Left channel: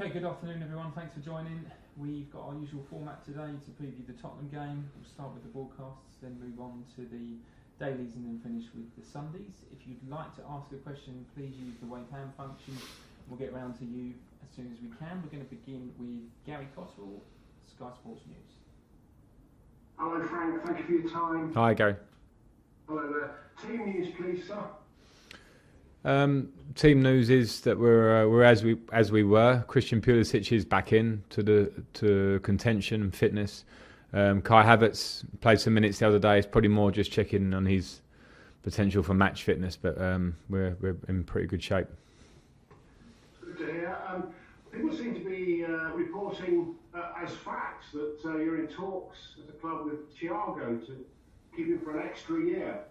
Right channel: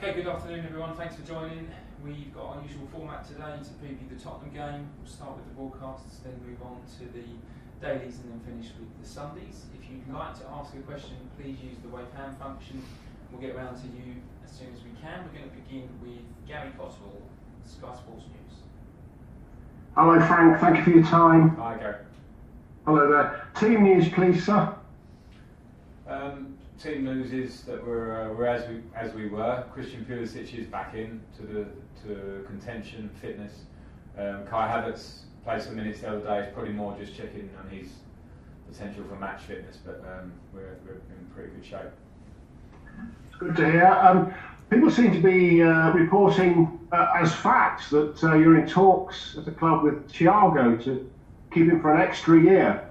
Okay, good afternoon everyone, thanks for joining. We've got our usual format today to preview the Tottenham game. We'll start with the broadcasts, then move on to the dailies and then finish with the Sundays. If you'd like to ask a question, please use the wave hand function. We'll get around to you as soon as we can. We're going to begin with Gary Coswell, Sky Sports News. Hello Frank, thank you for your time. Hi Gary. Hello there. Team news please, sir. Team news is that we're as we were. Christian Pulisic is back in to contention and fitness. Kai Havertz played some minutes the other day. It's probably more just checking on his potential for match fitness, but we're in pretty good shape. It's good to hear. People seem to be reporting as facts that you're in talks at the club with Thiago to keep him for an extra year.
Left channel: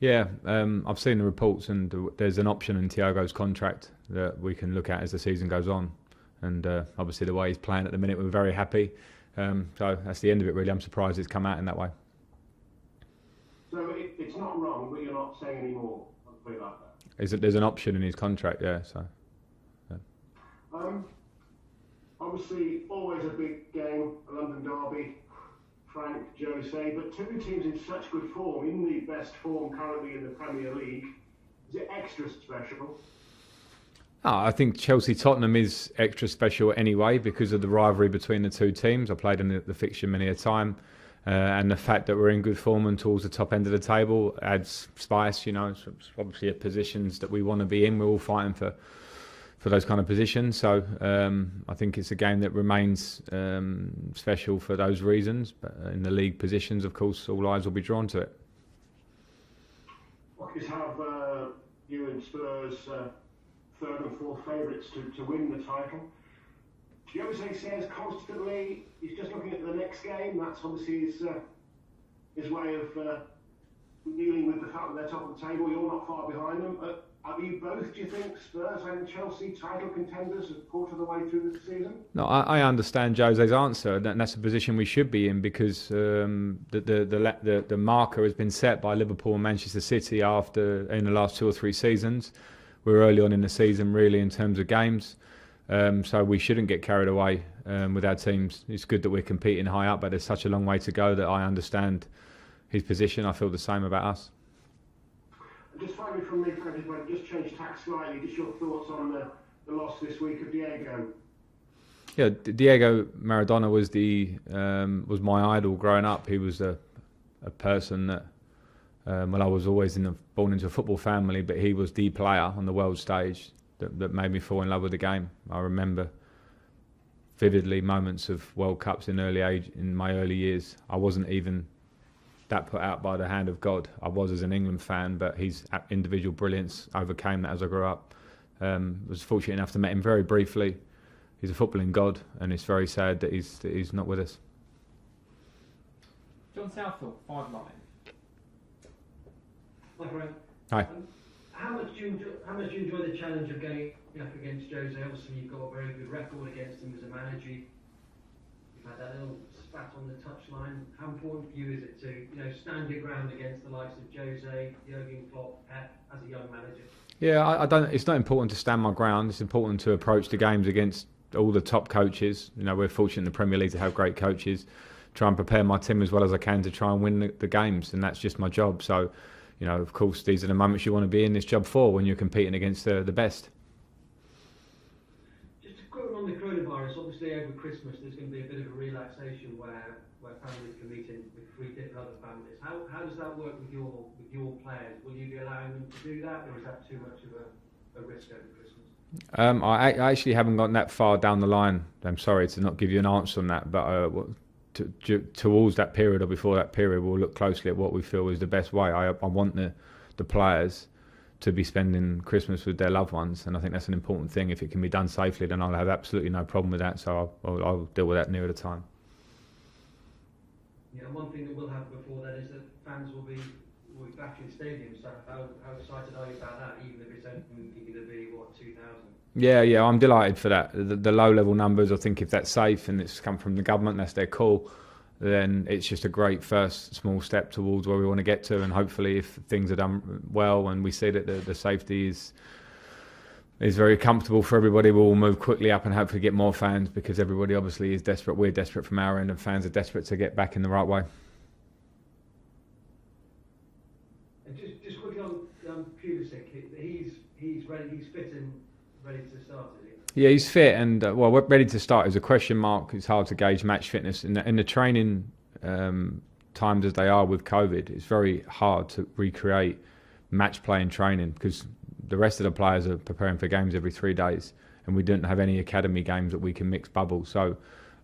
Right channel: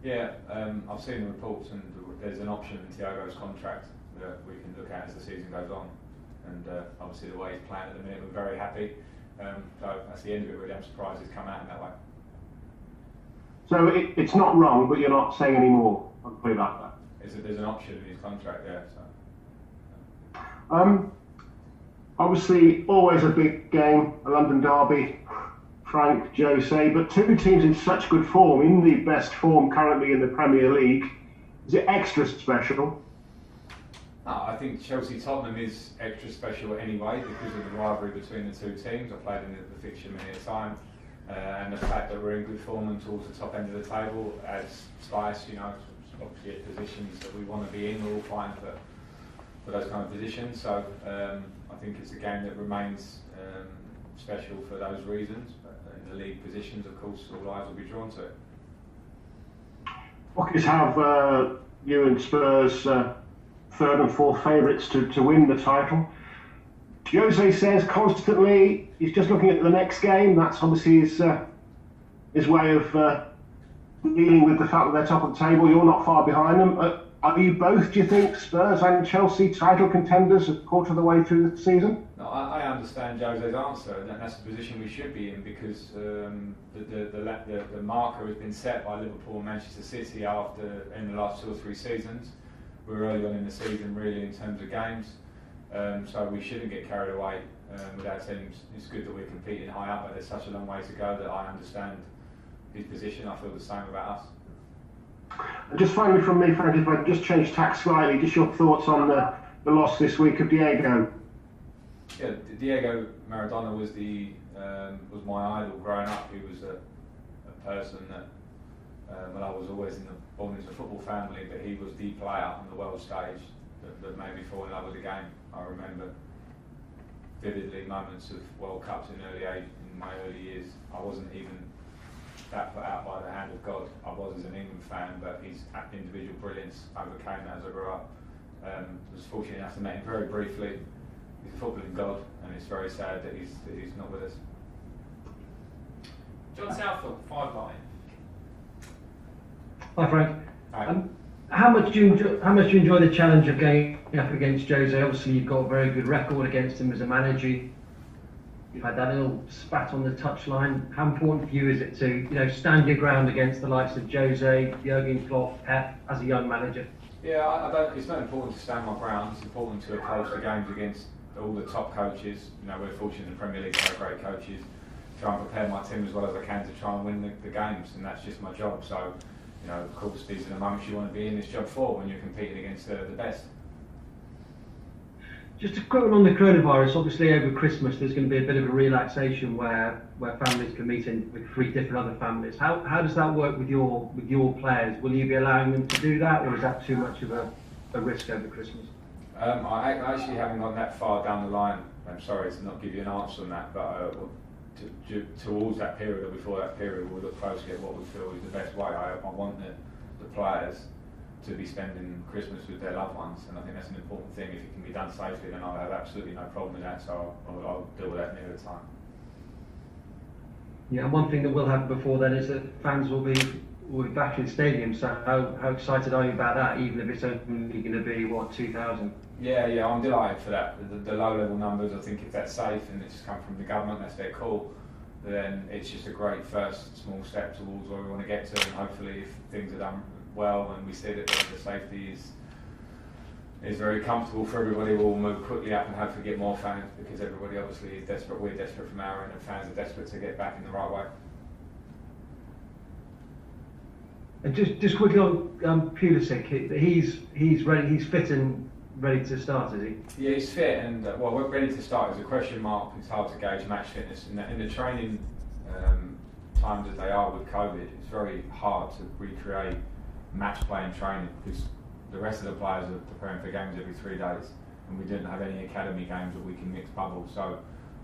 Yeah, I've seen the reports, and there's an option in Thiago's contract that we can look at as the season goes on. And obviously, the way he's playing at the minute, we're very happy. So that's the end of it, really. I'm surprised it's come out in that way. So it's not wrong, but you're not saying any more. I'll put it like that. There's an option in his contract, yeah. So. Yeah. Obviously, always a big game, a London derby. Frank, Jose, but two teams in such good form, in the best form currently in the Premier League. Is it extra special? I think Chelsea-Tottenham is extra special anyway because of the rivalry between the two teams. I played in the fixture many a time, and the fact that we're in good form and towards the top end of the table adds spice. You know, it's obviously positions that we want to be in. We're all fighting for those kind of positions, so I think it's a game that remains special for those reasons. But in the league positions, of course, all eyes will be drawn to it. Bookies have you and Spurs third and fourth favourites to win the title. Jose says constantly he's just looking at the next game. That's obviously his way of dealing with the fact that they're top of the table. You're not far behind them. Are you both, do you think, Spurs and Chelsea title contenders a quarter of the way through the season? No, I understand Jose's answer, and that's the position we should be in because the marker has been set by Liverpool and Manchester City in the last 2 or 3 seasons. We're early on in the season, really, in terms of games, so we shouldn't get carried away with our teams. It's good that we're competing high up, but there's such a long way to go that I understand his position. I feel the same about us. Just finally from me, Frank, if I could just change tack slightly, just your thoughts on the loss this week of Diego. Yeah, Diego Maradona was my idol growing up. He was a person that, I was always born into a football family, but he was the player on the world stage that made me fall in love with the game. I remember vividly moments of World Cups in my early years. I wasn't even that put out by the hand of God. I was as an England fan, but his individual brilliance overcame that as I grew up. Was fortunate enough to meet him very briefly. He's a footballing god, and it's very sad that he's not with us. John Southwell, 5 Line. Hi Frank. Hi. How much do you enjoy the challenge of going up against Jose? Obviously, you've got a very good record against him as a manager. You've had that little spat on the touchline. How important for you is it to, stand your ground against the likes of Jose, Jurgen Klopp, Pep as a young manager? Yeah, it's not important to stand my ground. It's important to approach the games against all the top coaches. We're fortunate in the Premier League to have great coaches. Try and prepare my team as well as I can to try and win the games, and that's just my job. So, of course, these are the moments you want to be in this job for when you're competing against the best. Just a quick one on the coronavirus. Obviously, over Christmas, there's going to be a bit of a relaxation where families can meet in with 3 different other families. How does that work with your players? Will you be allowing them to do that, or is that too much of a risk over Christmas? I actually haven't gone that far down the line. I'm sorry to not give you an answer on that, but towards that period or before that period, we'll look closely at what we feel is the best way. I want the players to be spending Christmas with their loved ones, and I think that's an important thing. If it can be done safely, then I'll have absolutely no problem with that, so I'll deal with that nearer the time. Yeah, and one thing that will happen before then is that fans will be back in stadiums, so how excited are you about that, even if it's only going to be, 2,000? Yeah, I'm delighted for that. The low-level numbers, I think if that's safe and it's come from the government, that's their call, then it's just a great first small step towards where we want to get to, and hopefully if things are done well and we see that the safety is is very comfortable for everybody. We'll move quickly up and hopefully get more fans, because everybody obviously is desperate. We're desperate from our end, and fans are desperate to get back in the right way. And just quickly on Pulisic, he's ready. He's fit and ready to start, is he? Yeah, he's fit and well, ready to start is a question mark. It's hard to gauge match fitness in the training times as they are with COVID. It's very hard to recreate match playing training, because the rest of the players are preparing for games every 3 days, and we don't have any academy games that we can mix bubbles. So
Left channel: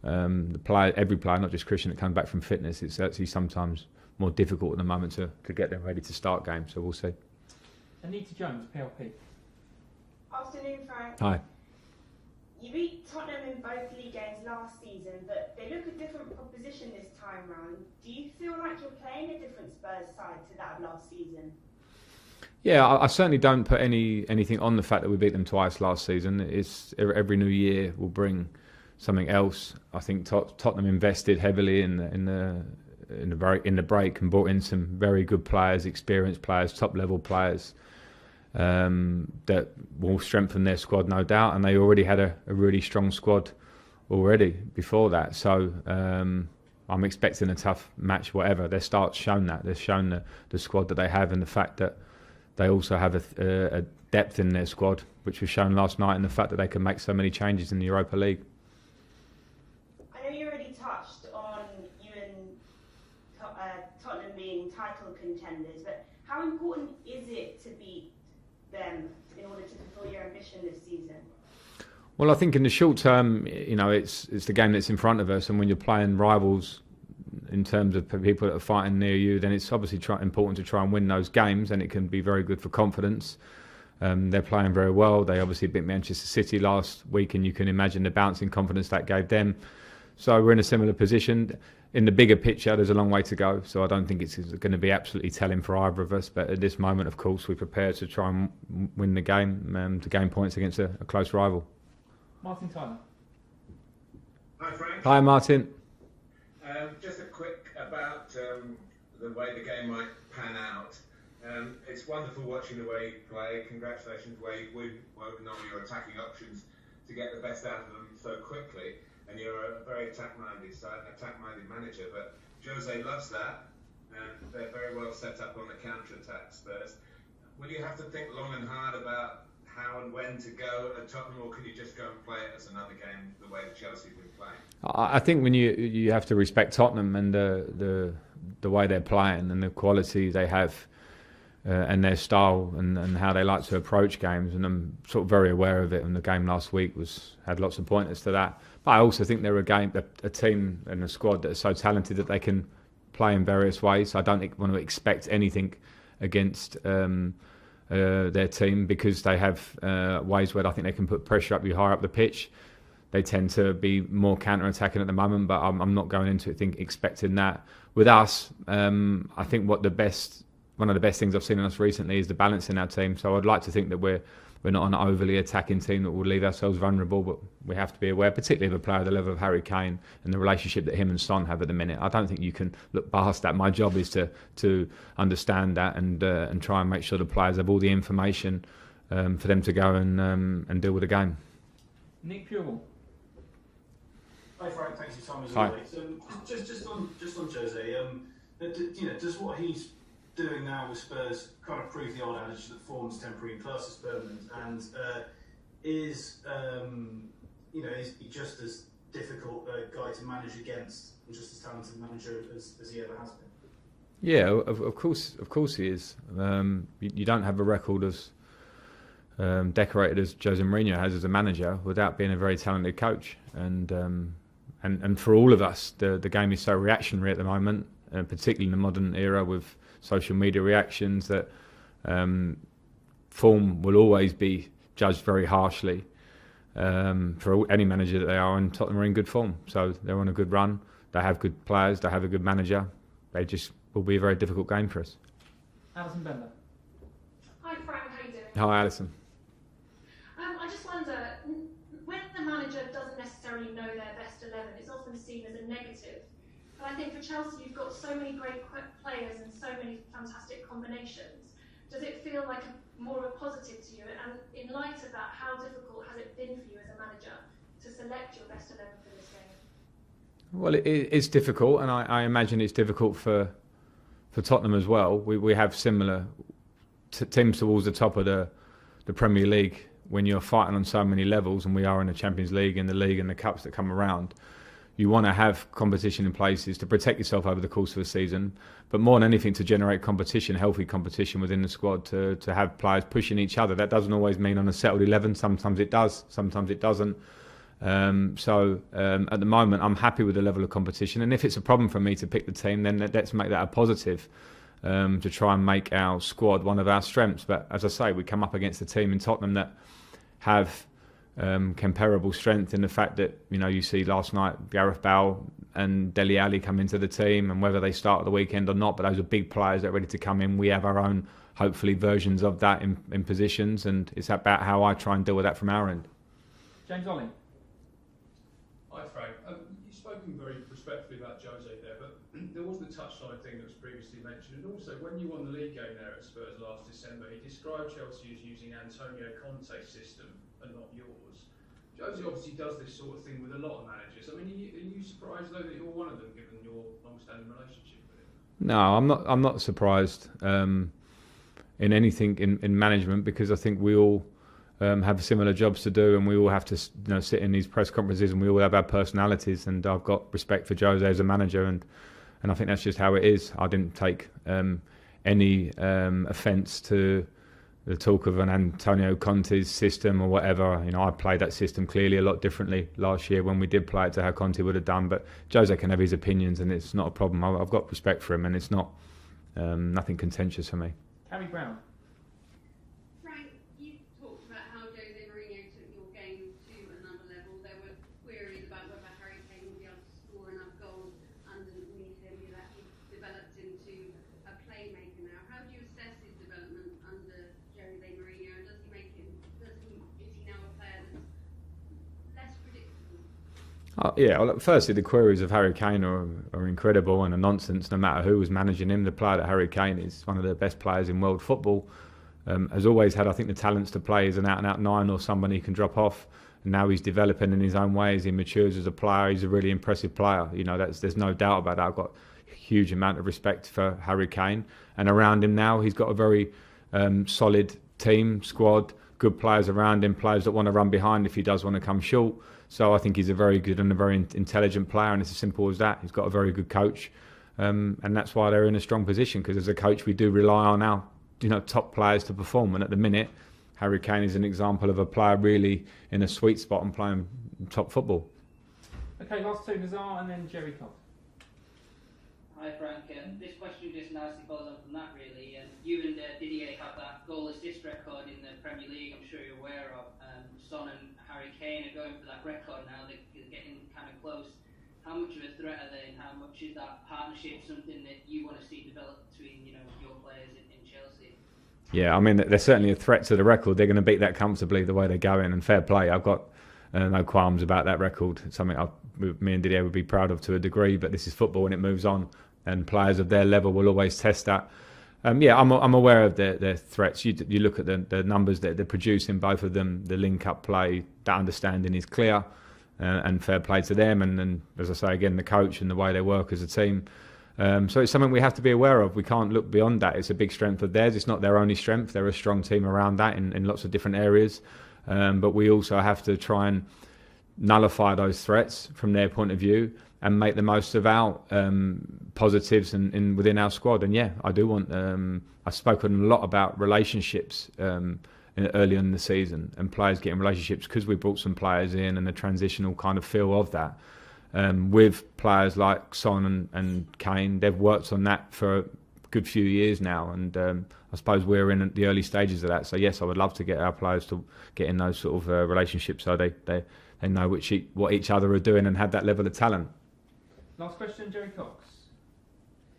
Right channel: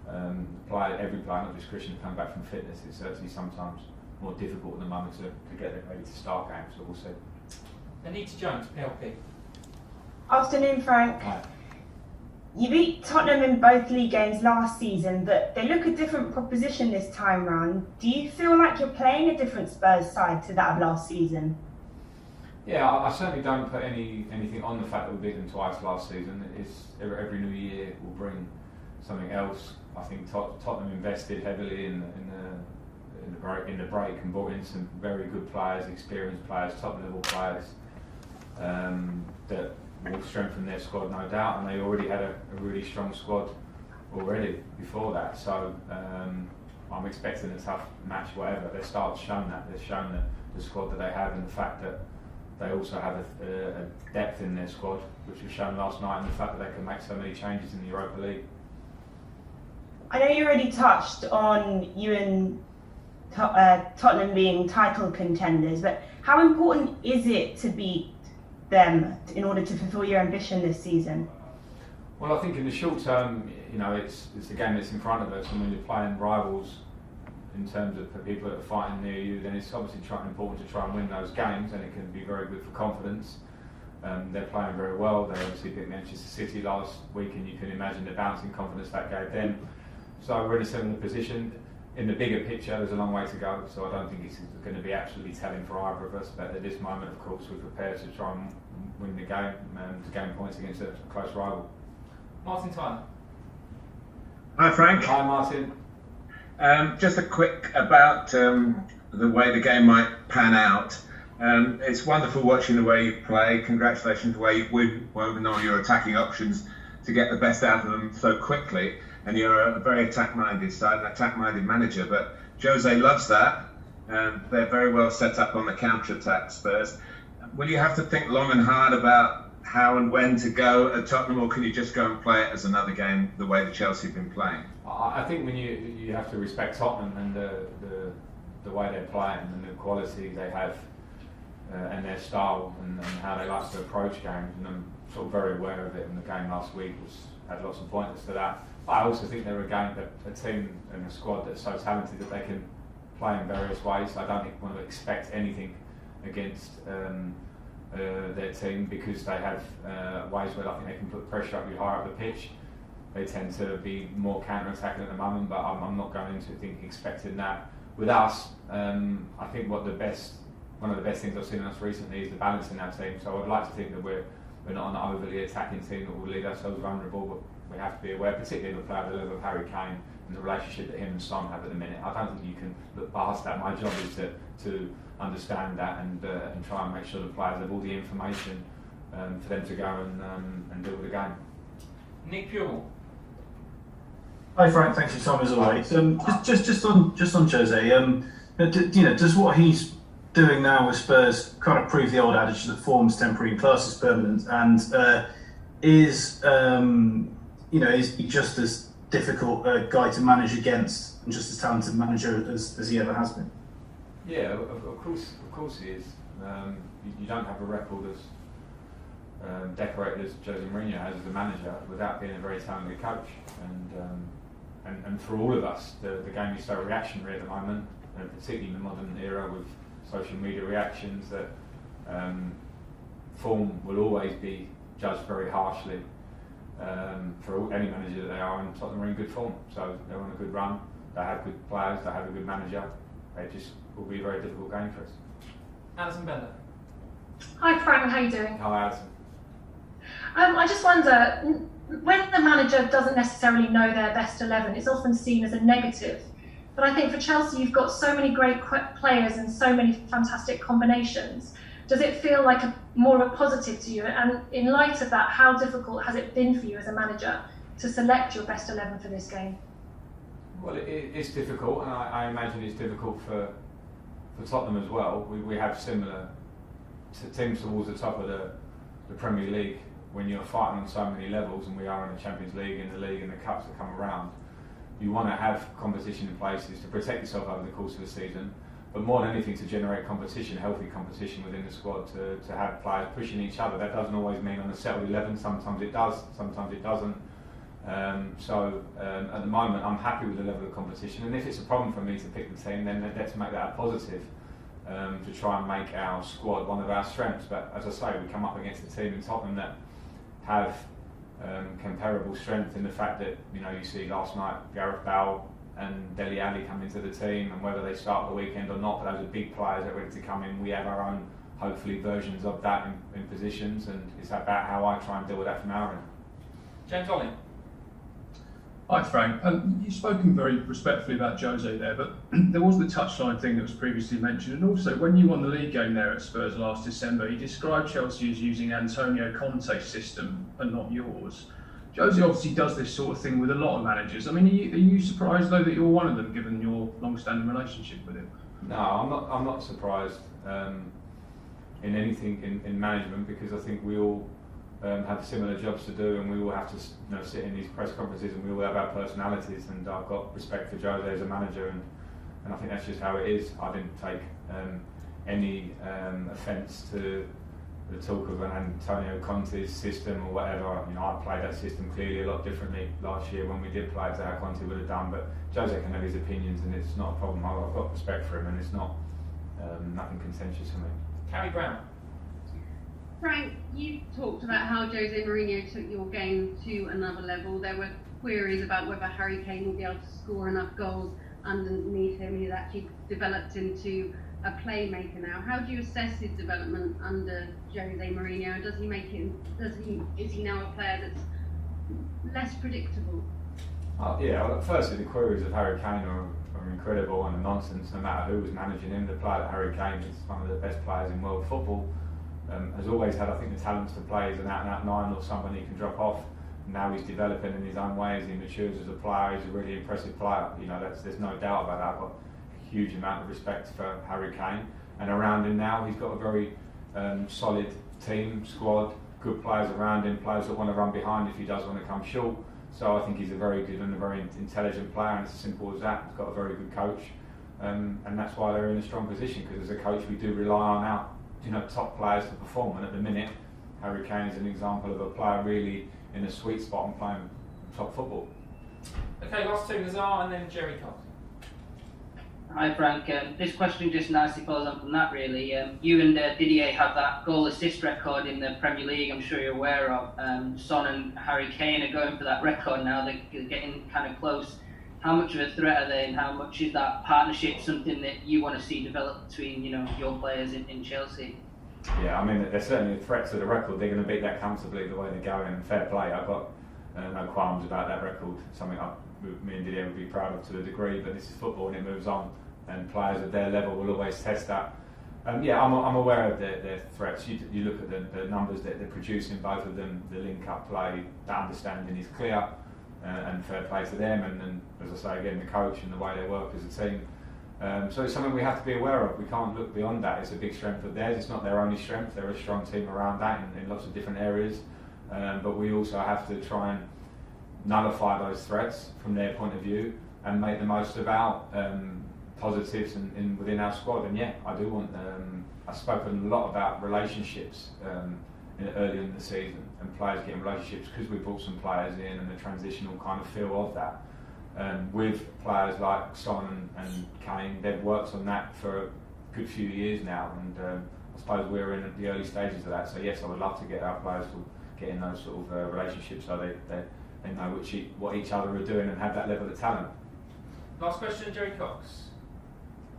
every player, not just Christian, that comes back from fitness, it's actually sometimes more difficult at the moment to get them ready to start games. So we'll see. Anita Jones, PLP. Afternoon, Frank. Hi. You beat Tottenham in both league games last season, but they look a different proposition this time round. Do you feel like you're playing a different Spurs side to that of last season? Yeah, I certainly don't put anything on the fact that we beat them twice last season. It's every new year will bring something else. I think Tottenham invested heavily in the break and brought in some very good players, experienced players, top level players that will strengthen their squad, no doubt. And they already had a really strong squad already before that. So I'm expecting a tough match, whatever. Their start's shown that. They've shown the squad that they have, and the fact that they also have a depth in their squad, which was shown last night, and the fact that they can make so many changes in the Europa League. I know you already touched on you and Tottenham being title contenders, but how important is it to beat them in order to fulfil your ambition this season? Well, I think in the short term, it's the game that's in front of us, and when you're playing rivals in terms of people that are fighting near you, then it's obviously important to try and win those games, and it can be very good for confidence. They're playing very well. They obviously beat Manchester City last week, and you can imagine the bouncing confidence that gave them. So we're in a similar position. In the bigger picture, there's a long way to go, so I don't think it's going to be absolutely telling for either of us. But at this moment, of course, we're prepared to try and win the game, to gain points against a close rival. Martin Tyler. Hi, Frank. Hi, Martin. Just a quick about the way the game might pan out. It's wonderful watching the way you play. Congratulations the way you've woven all your attacking options to get the best out of them so quickly. And you're a very attack-minded side, an attack-minded manager. But Jose loves that. They're very well set up on the counter-attack, Spurs. Will you have to think long and hard about how and when to go at Tottenham, or can you just go and play it as another game the way the Chelsea have been playing? I think when you have to respect Tottenham and the way they're playing and the quality they have and their style and how they like to approach games, and I'm sort of very aware of it, and the game last week had lots of pointers to that. But I also think they're a team and a squad that are so talented that they can play in various ways. I don't want to expect anything against their team, because they have ways where I think they can put pressure up you higher up the pitch. They tend to be more counter-attacking at the moment, but I'm not going into it expecting that. With us, I think one of the best things I've seen in us recently is the balance in our team. So I'd like to think that we're not an overly attacking team that will leave ourselves vulnerable, but we have to be aware, particularly of a player at the level of Harry Kane and the relationship that him and Son have at the minute. I don't think you can look past that. My job is to understand that and try and make sure the players have all the information for them to go and deal with the game. Nick Pure. Hi Frank, thanks for your time as always. Just on Jose, does what he's doing now with Spurs kind of prove the old adage that form's temporary and class is permanent? And is he just as difficult a guy to manage against and just as talented manager as he ever has been? Yeah, of course he is. You don't have a record as decorated as Jose Mourinho has as a manager without being a very talented coach. And for all of us, the game is so reactionary at the moment, particularly in the modern era with social media reactions, that form will always be judged very harshly for any manager that they are, and Tottenham are in good form. So they're on a good run, they have good players, they have a good manager. They just will be a very difficult game for us. Alison Bender. Hi Frank, how are you doing? Hi Alison. I just wonder, when the manager doesn't necessarily know their best 11, it's often seen as a negative. But I think for Chelsea, you've got so many great players and so many fantastic combinations. Does it feel like more of a positive to you? And in light of that, how difficult has it been for you as a manager to select your best 11 for this game? Well, it's difficult, and I imagine it's difficult for Tottenham as well. We have similar teams towards the top of the Premier League when you're fighting on so many levels, and we are in the Champions League and the league and the cups that come around. You want to have competition in places to protect yourself over the course of a season, but more than anything to generate competition, healthy competition within the squad, to have players pushing each other. That doesn't always mean on a settled 11. Sometimes it does, sometimes it doesn't. So at the moment I'm happy with the level of competition, and if it's a problem for me to pick the team, then let's make that a positive, to try and make our squad one of our strengths. But as I say, we come up against a team in Tottenham that have comparable strength in the fact that, you see last night Gareth Bale and Dele Alli come into the team, and whether they start at the weekend or not, but those are big players that are ready to come in. We have our own, hopefully, versions of that in positions, and it's about how I try and deal with that from our end. James Ollie. Hi Frank, you've spoken very respectfully about Jose there, but there was the touchline thing that was previously mentioned, and also when you won the league game there at Spurs last December, you described Chelsea as using Antonio Conte's system and not yours. Jose obviously does this sort of thing with a lot of managers. I mean, are you surprised though that you're one of them, given your long-standing relationship with him? No, I'm not surprised in anything in management, because I think we all have similar jobs to do, and we all have to sit in these press conferences, and we all have our personalities, and I've got respect for Jose as a manager, and I think that's just how it is. I didn't take any offence to the talk of an Antonio Conte's system or whatever. I played that system clearly a lot differently last year when we did play it to how Conte would have done, but Jose can have his opinions, and it's not a problem. I've got respect for him, and it's not nothing contentious for me. Harry Brown. Frank, you talked about how Jose Mourinho took your game to another level. There were queries about whether Harry Kane will be able to score enough goals underneath him. He's actually developed into a playmaker now. How do you assess his development under Jose Mourinho? Is he now a player that's less predictable? Firstly, the queries of Harry Kane are incredible and a nonsense. No matter who was managing him, the player that Harry Kane is one of the best players in world football. Has always had, I think, the talents to play as an out-and-out 9 or somebody who can drop off. And now he's developing in his own ways. He matures as a player. He's a really impressive player. There's no doubt about that. I've got a huge amount of respect for Harry Kane. And around him now, he's got a very solid team, squad, good players around him, players that want to run behind if he does want to come short. So I think he's a very good and a very intelligent player, and it's as simple as that. He's got a very good coach, and that's why they're in a strong position, because as a coach we do rely on our top players to perform, and at the minute Harry Kane is an example of a player really in a sweet spot and playing top football. Okay, last two, Nazar and then Jerry Cox. Hi Frank, this question just nicely follows on from that really. You and Didier have that goal assist record in the Premier League, I'm sure you're aware of. Son and Harry Kane are going for that record now, they're getting kind of close. How much of a threat are they, and how much is that partnership something that you want to see develop between your players in Chelsea? Yeah, I mean, they're certainly a threat to the record. They're going to beat that comfortably the way they're going, and fair play. I've got no qualms about that record. It's something me and Didier would be proud of to a degree, but this is football and it moves on, and players of their level will always test that. I'm aware of their threats. You look at the numbers that they're producing, both of them, the link-up play, that understanding is clear. And fair play to them, and as I say again, the coach and the way they work as a team. So it's something we have to be aware of. We can't look beyond that. It's a big strength of theirs. It's not their only strength. They're a strong team around that in lots of different areas. But we also have to try and nullify those threats from their point of view and make the most of our positives within our squad. And yeah, I do want. I've spoken a lot about relationships. Earlier in the season, and players getting relationships, because we brought some players in and the transitional kind of feel of that with players like Son and Kane. They've worked on that for a good few years now, and I suppose we're in the early stages of that. So yes, I would love to get our players to get in those sort of relationships, so they know what each other are doing and have that level of talent. Last question, Jerry Cox.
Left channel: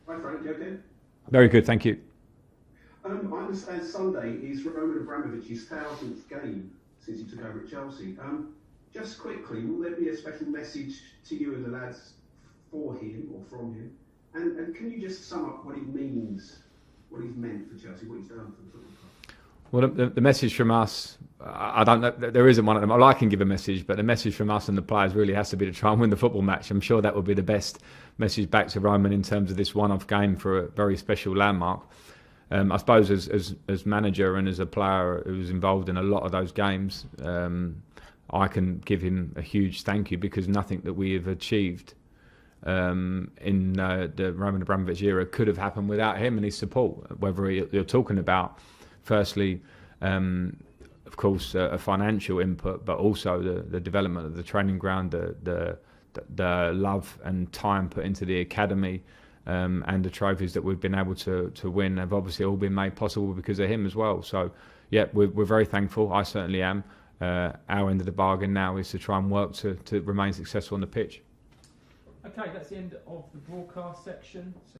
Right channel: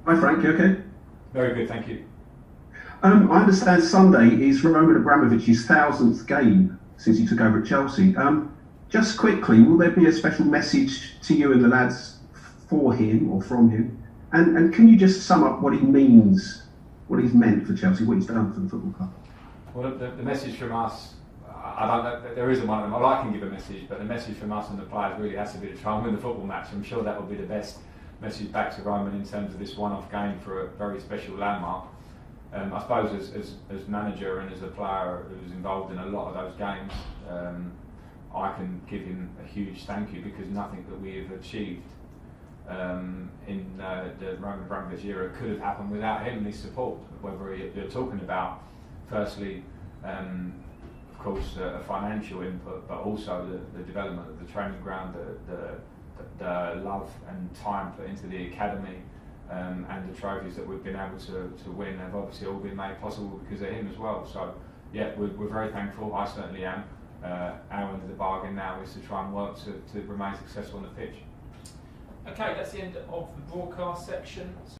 Hi Frank, you okay? Very good, thank you. I understand Sunday is Roman Abramovich's 1000th game since he took over at Chelsea. Just quickly, will there be a special message to you and the lads for him or from him? And can you just sum up what he means what he's meant for Chelsea, what he's done for the football club? Well, the message from us, I don't know, there isn't one of them. I can give a message, but the message from us and the players really has to be to try and win the football match. I'm sure that will be the best message back to Roman in terms of this one-off game for a very special landmark. I suppose as manager and as a player who was involved in a lot of those games, I can give him a huge thank you, because nothing that we have achieved in the Roman Abramovich era could have happened without him and his support. Whether you're talking about, firstly, of course, a financial input, but also the development of the training ground, the love and time put into the academy, and the trophies that we've been able to win have obviously all been made possible because of him as well. So, yeah, we're very thankful. I certainly am. Our end of the bargain now is to try and work to remain successful on the pitch. Okay, that's the end of the broadcast section.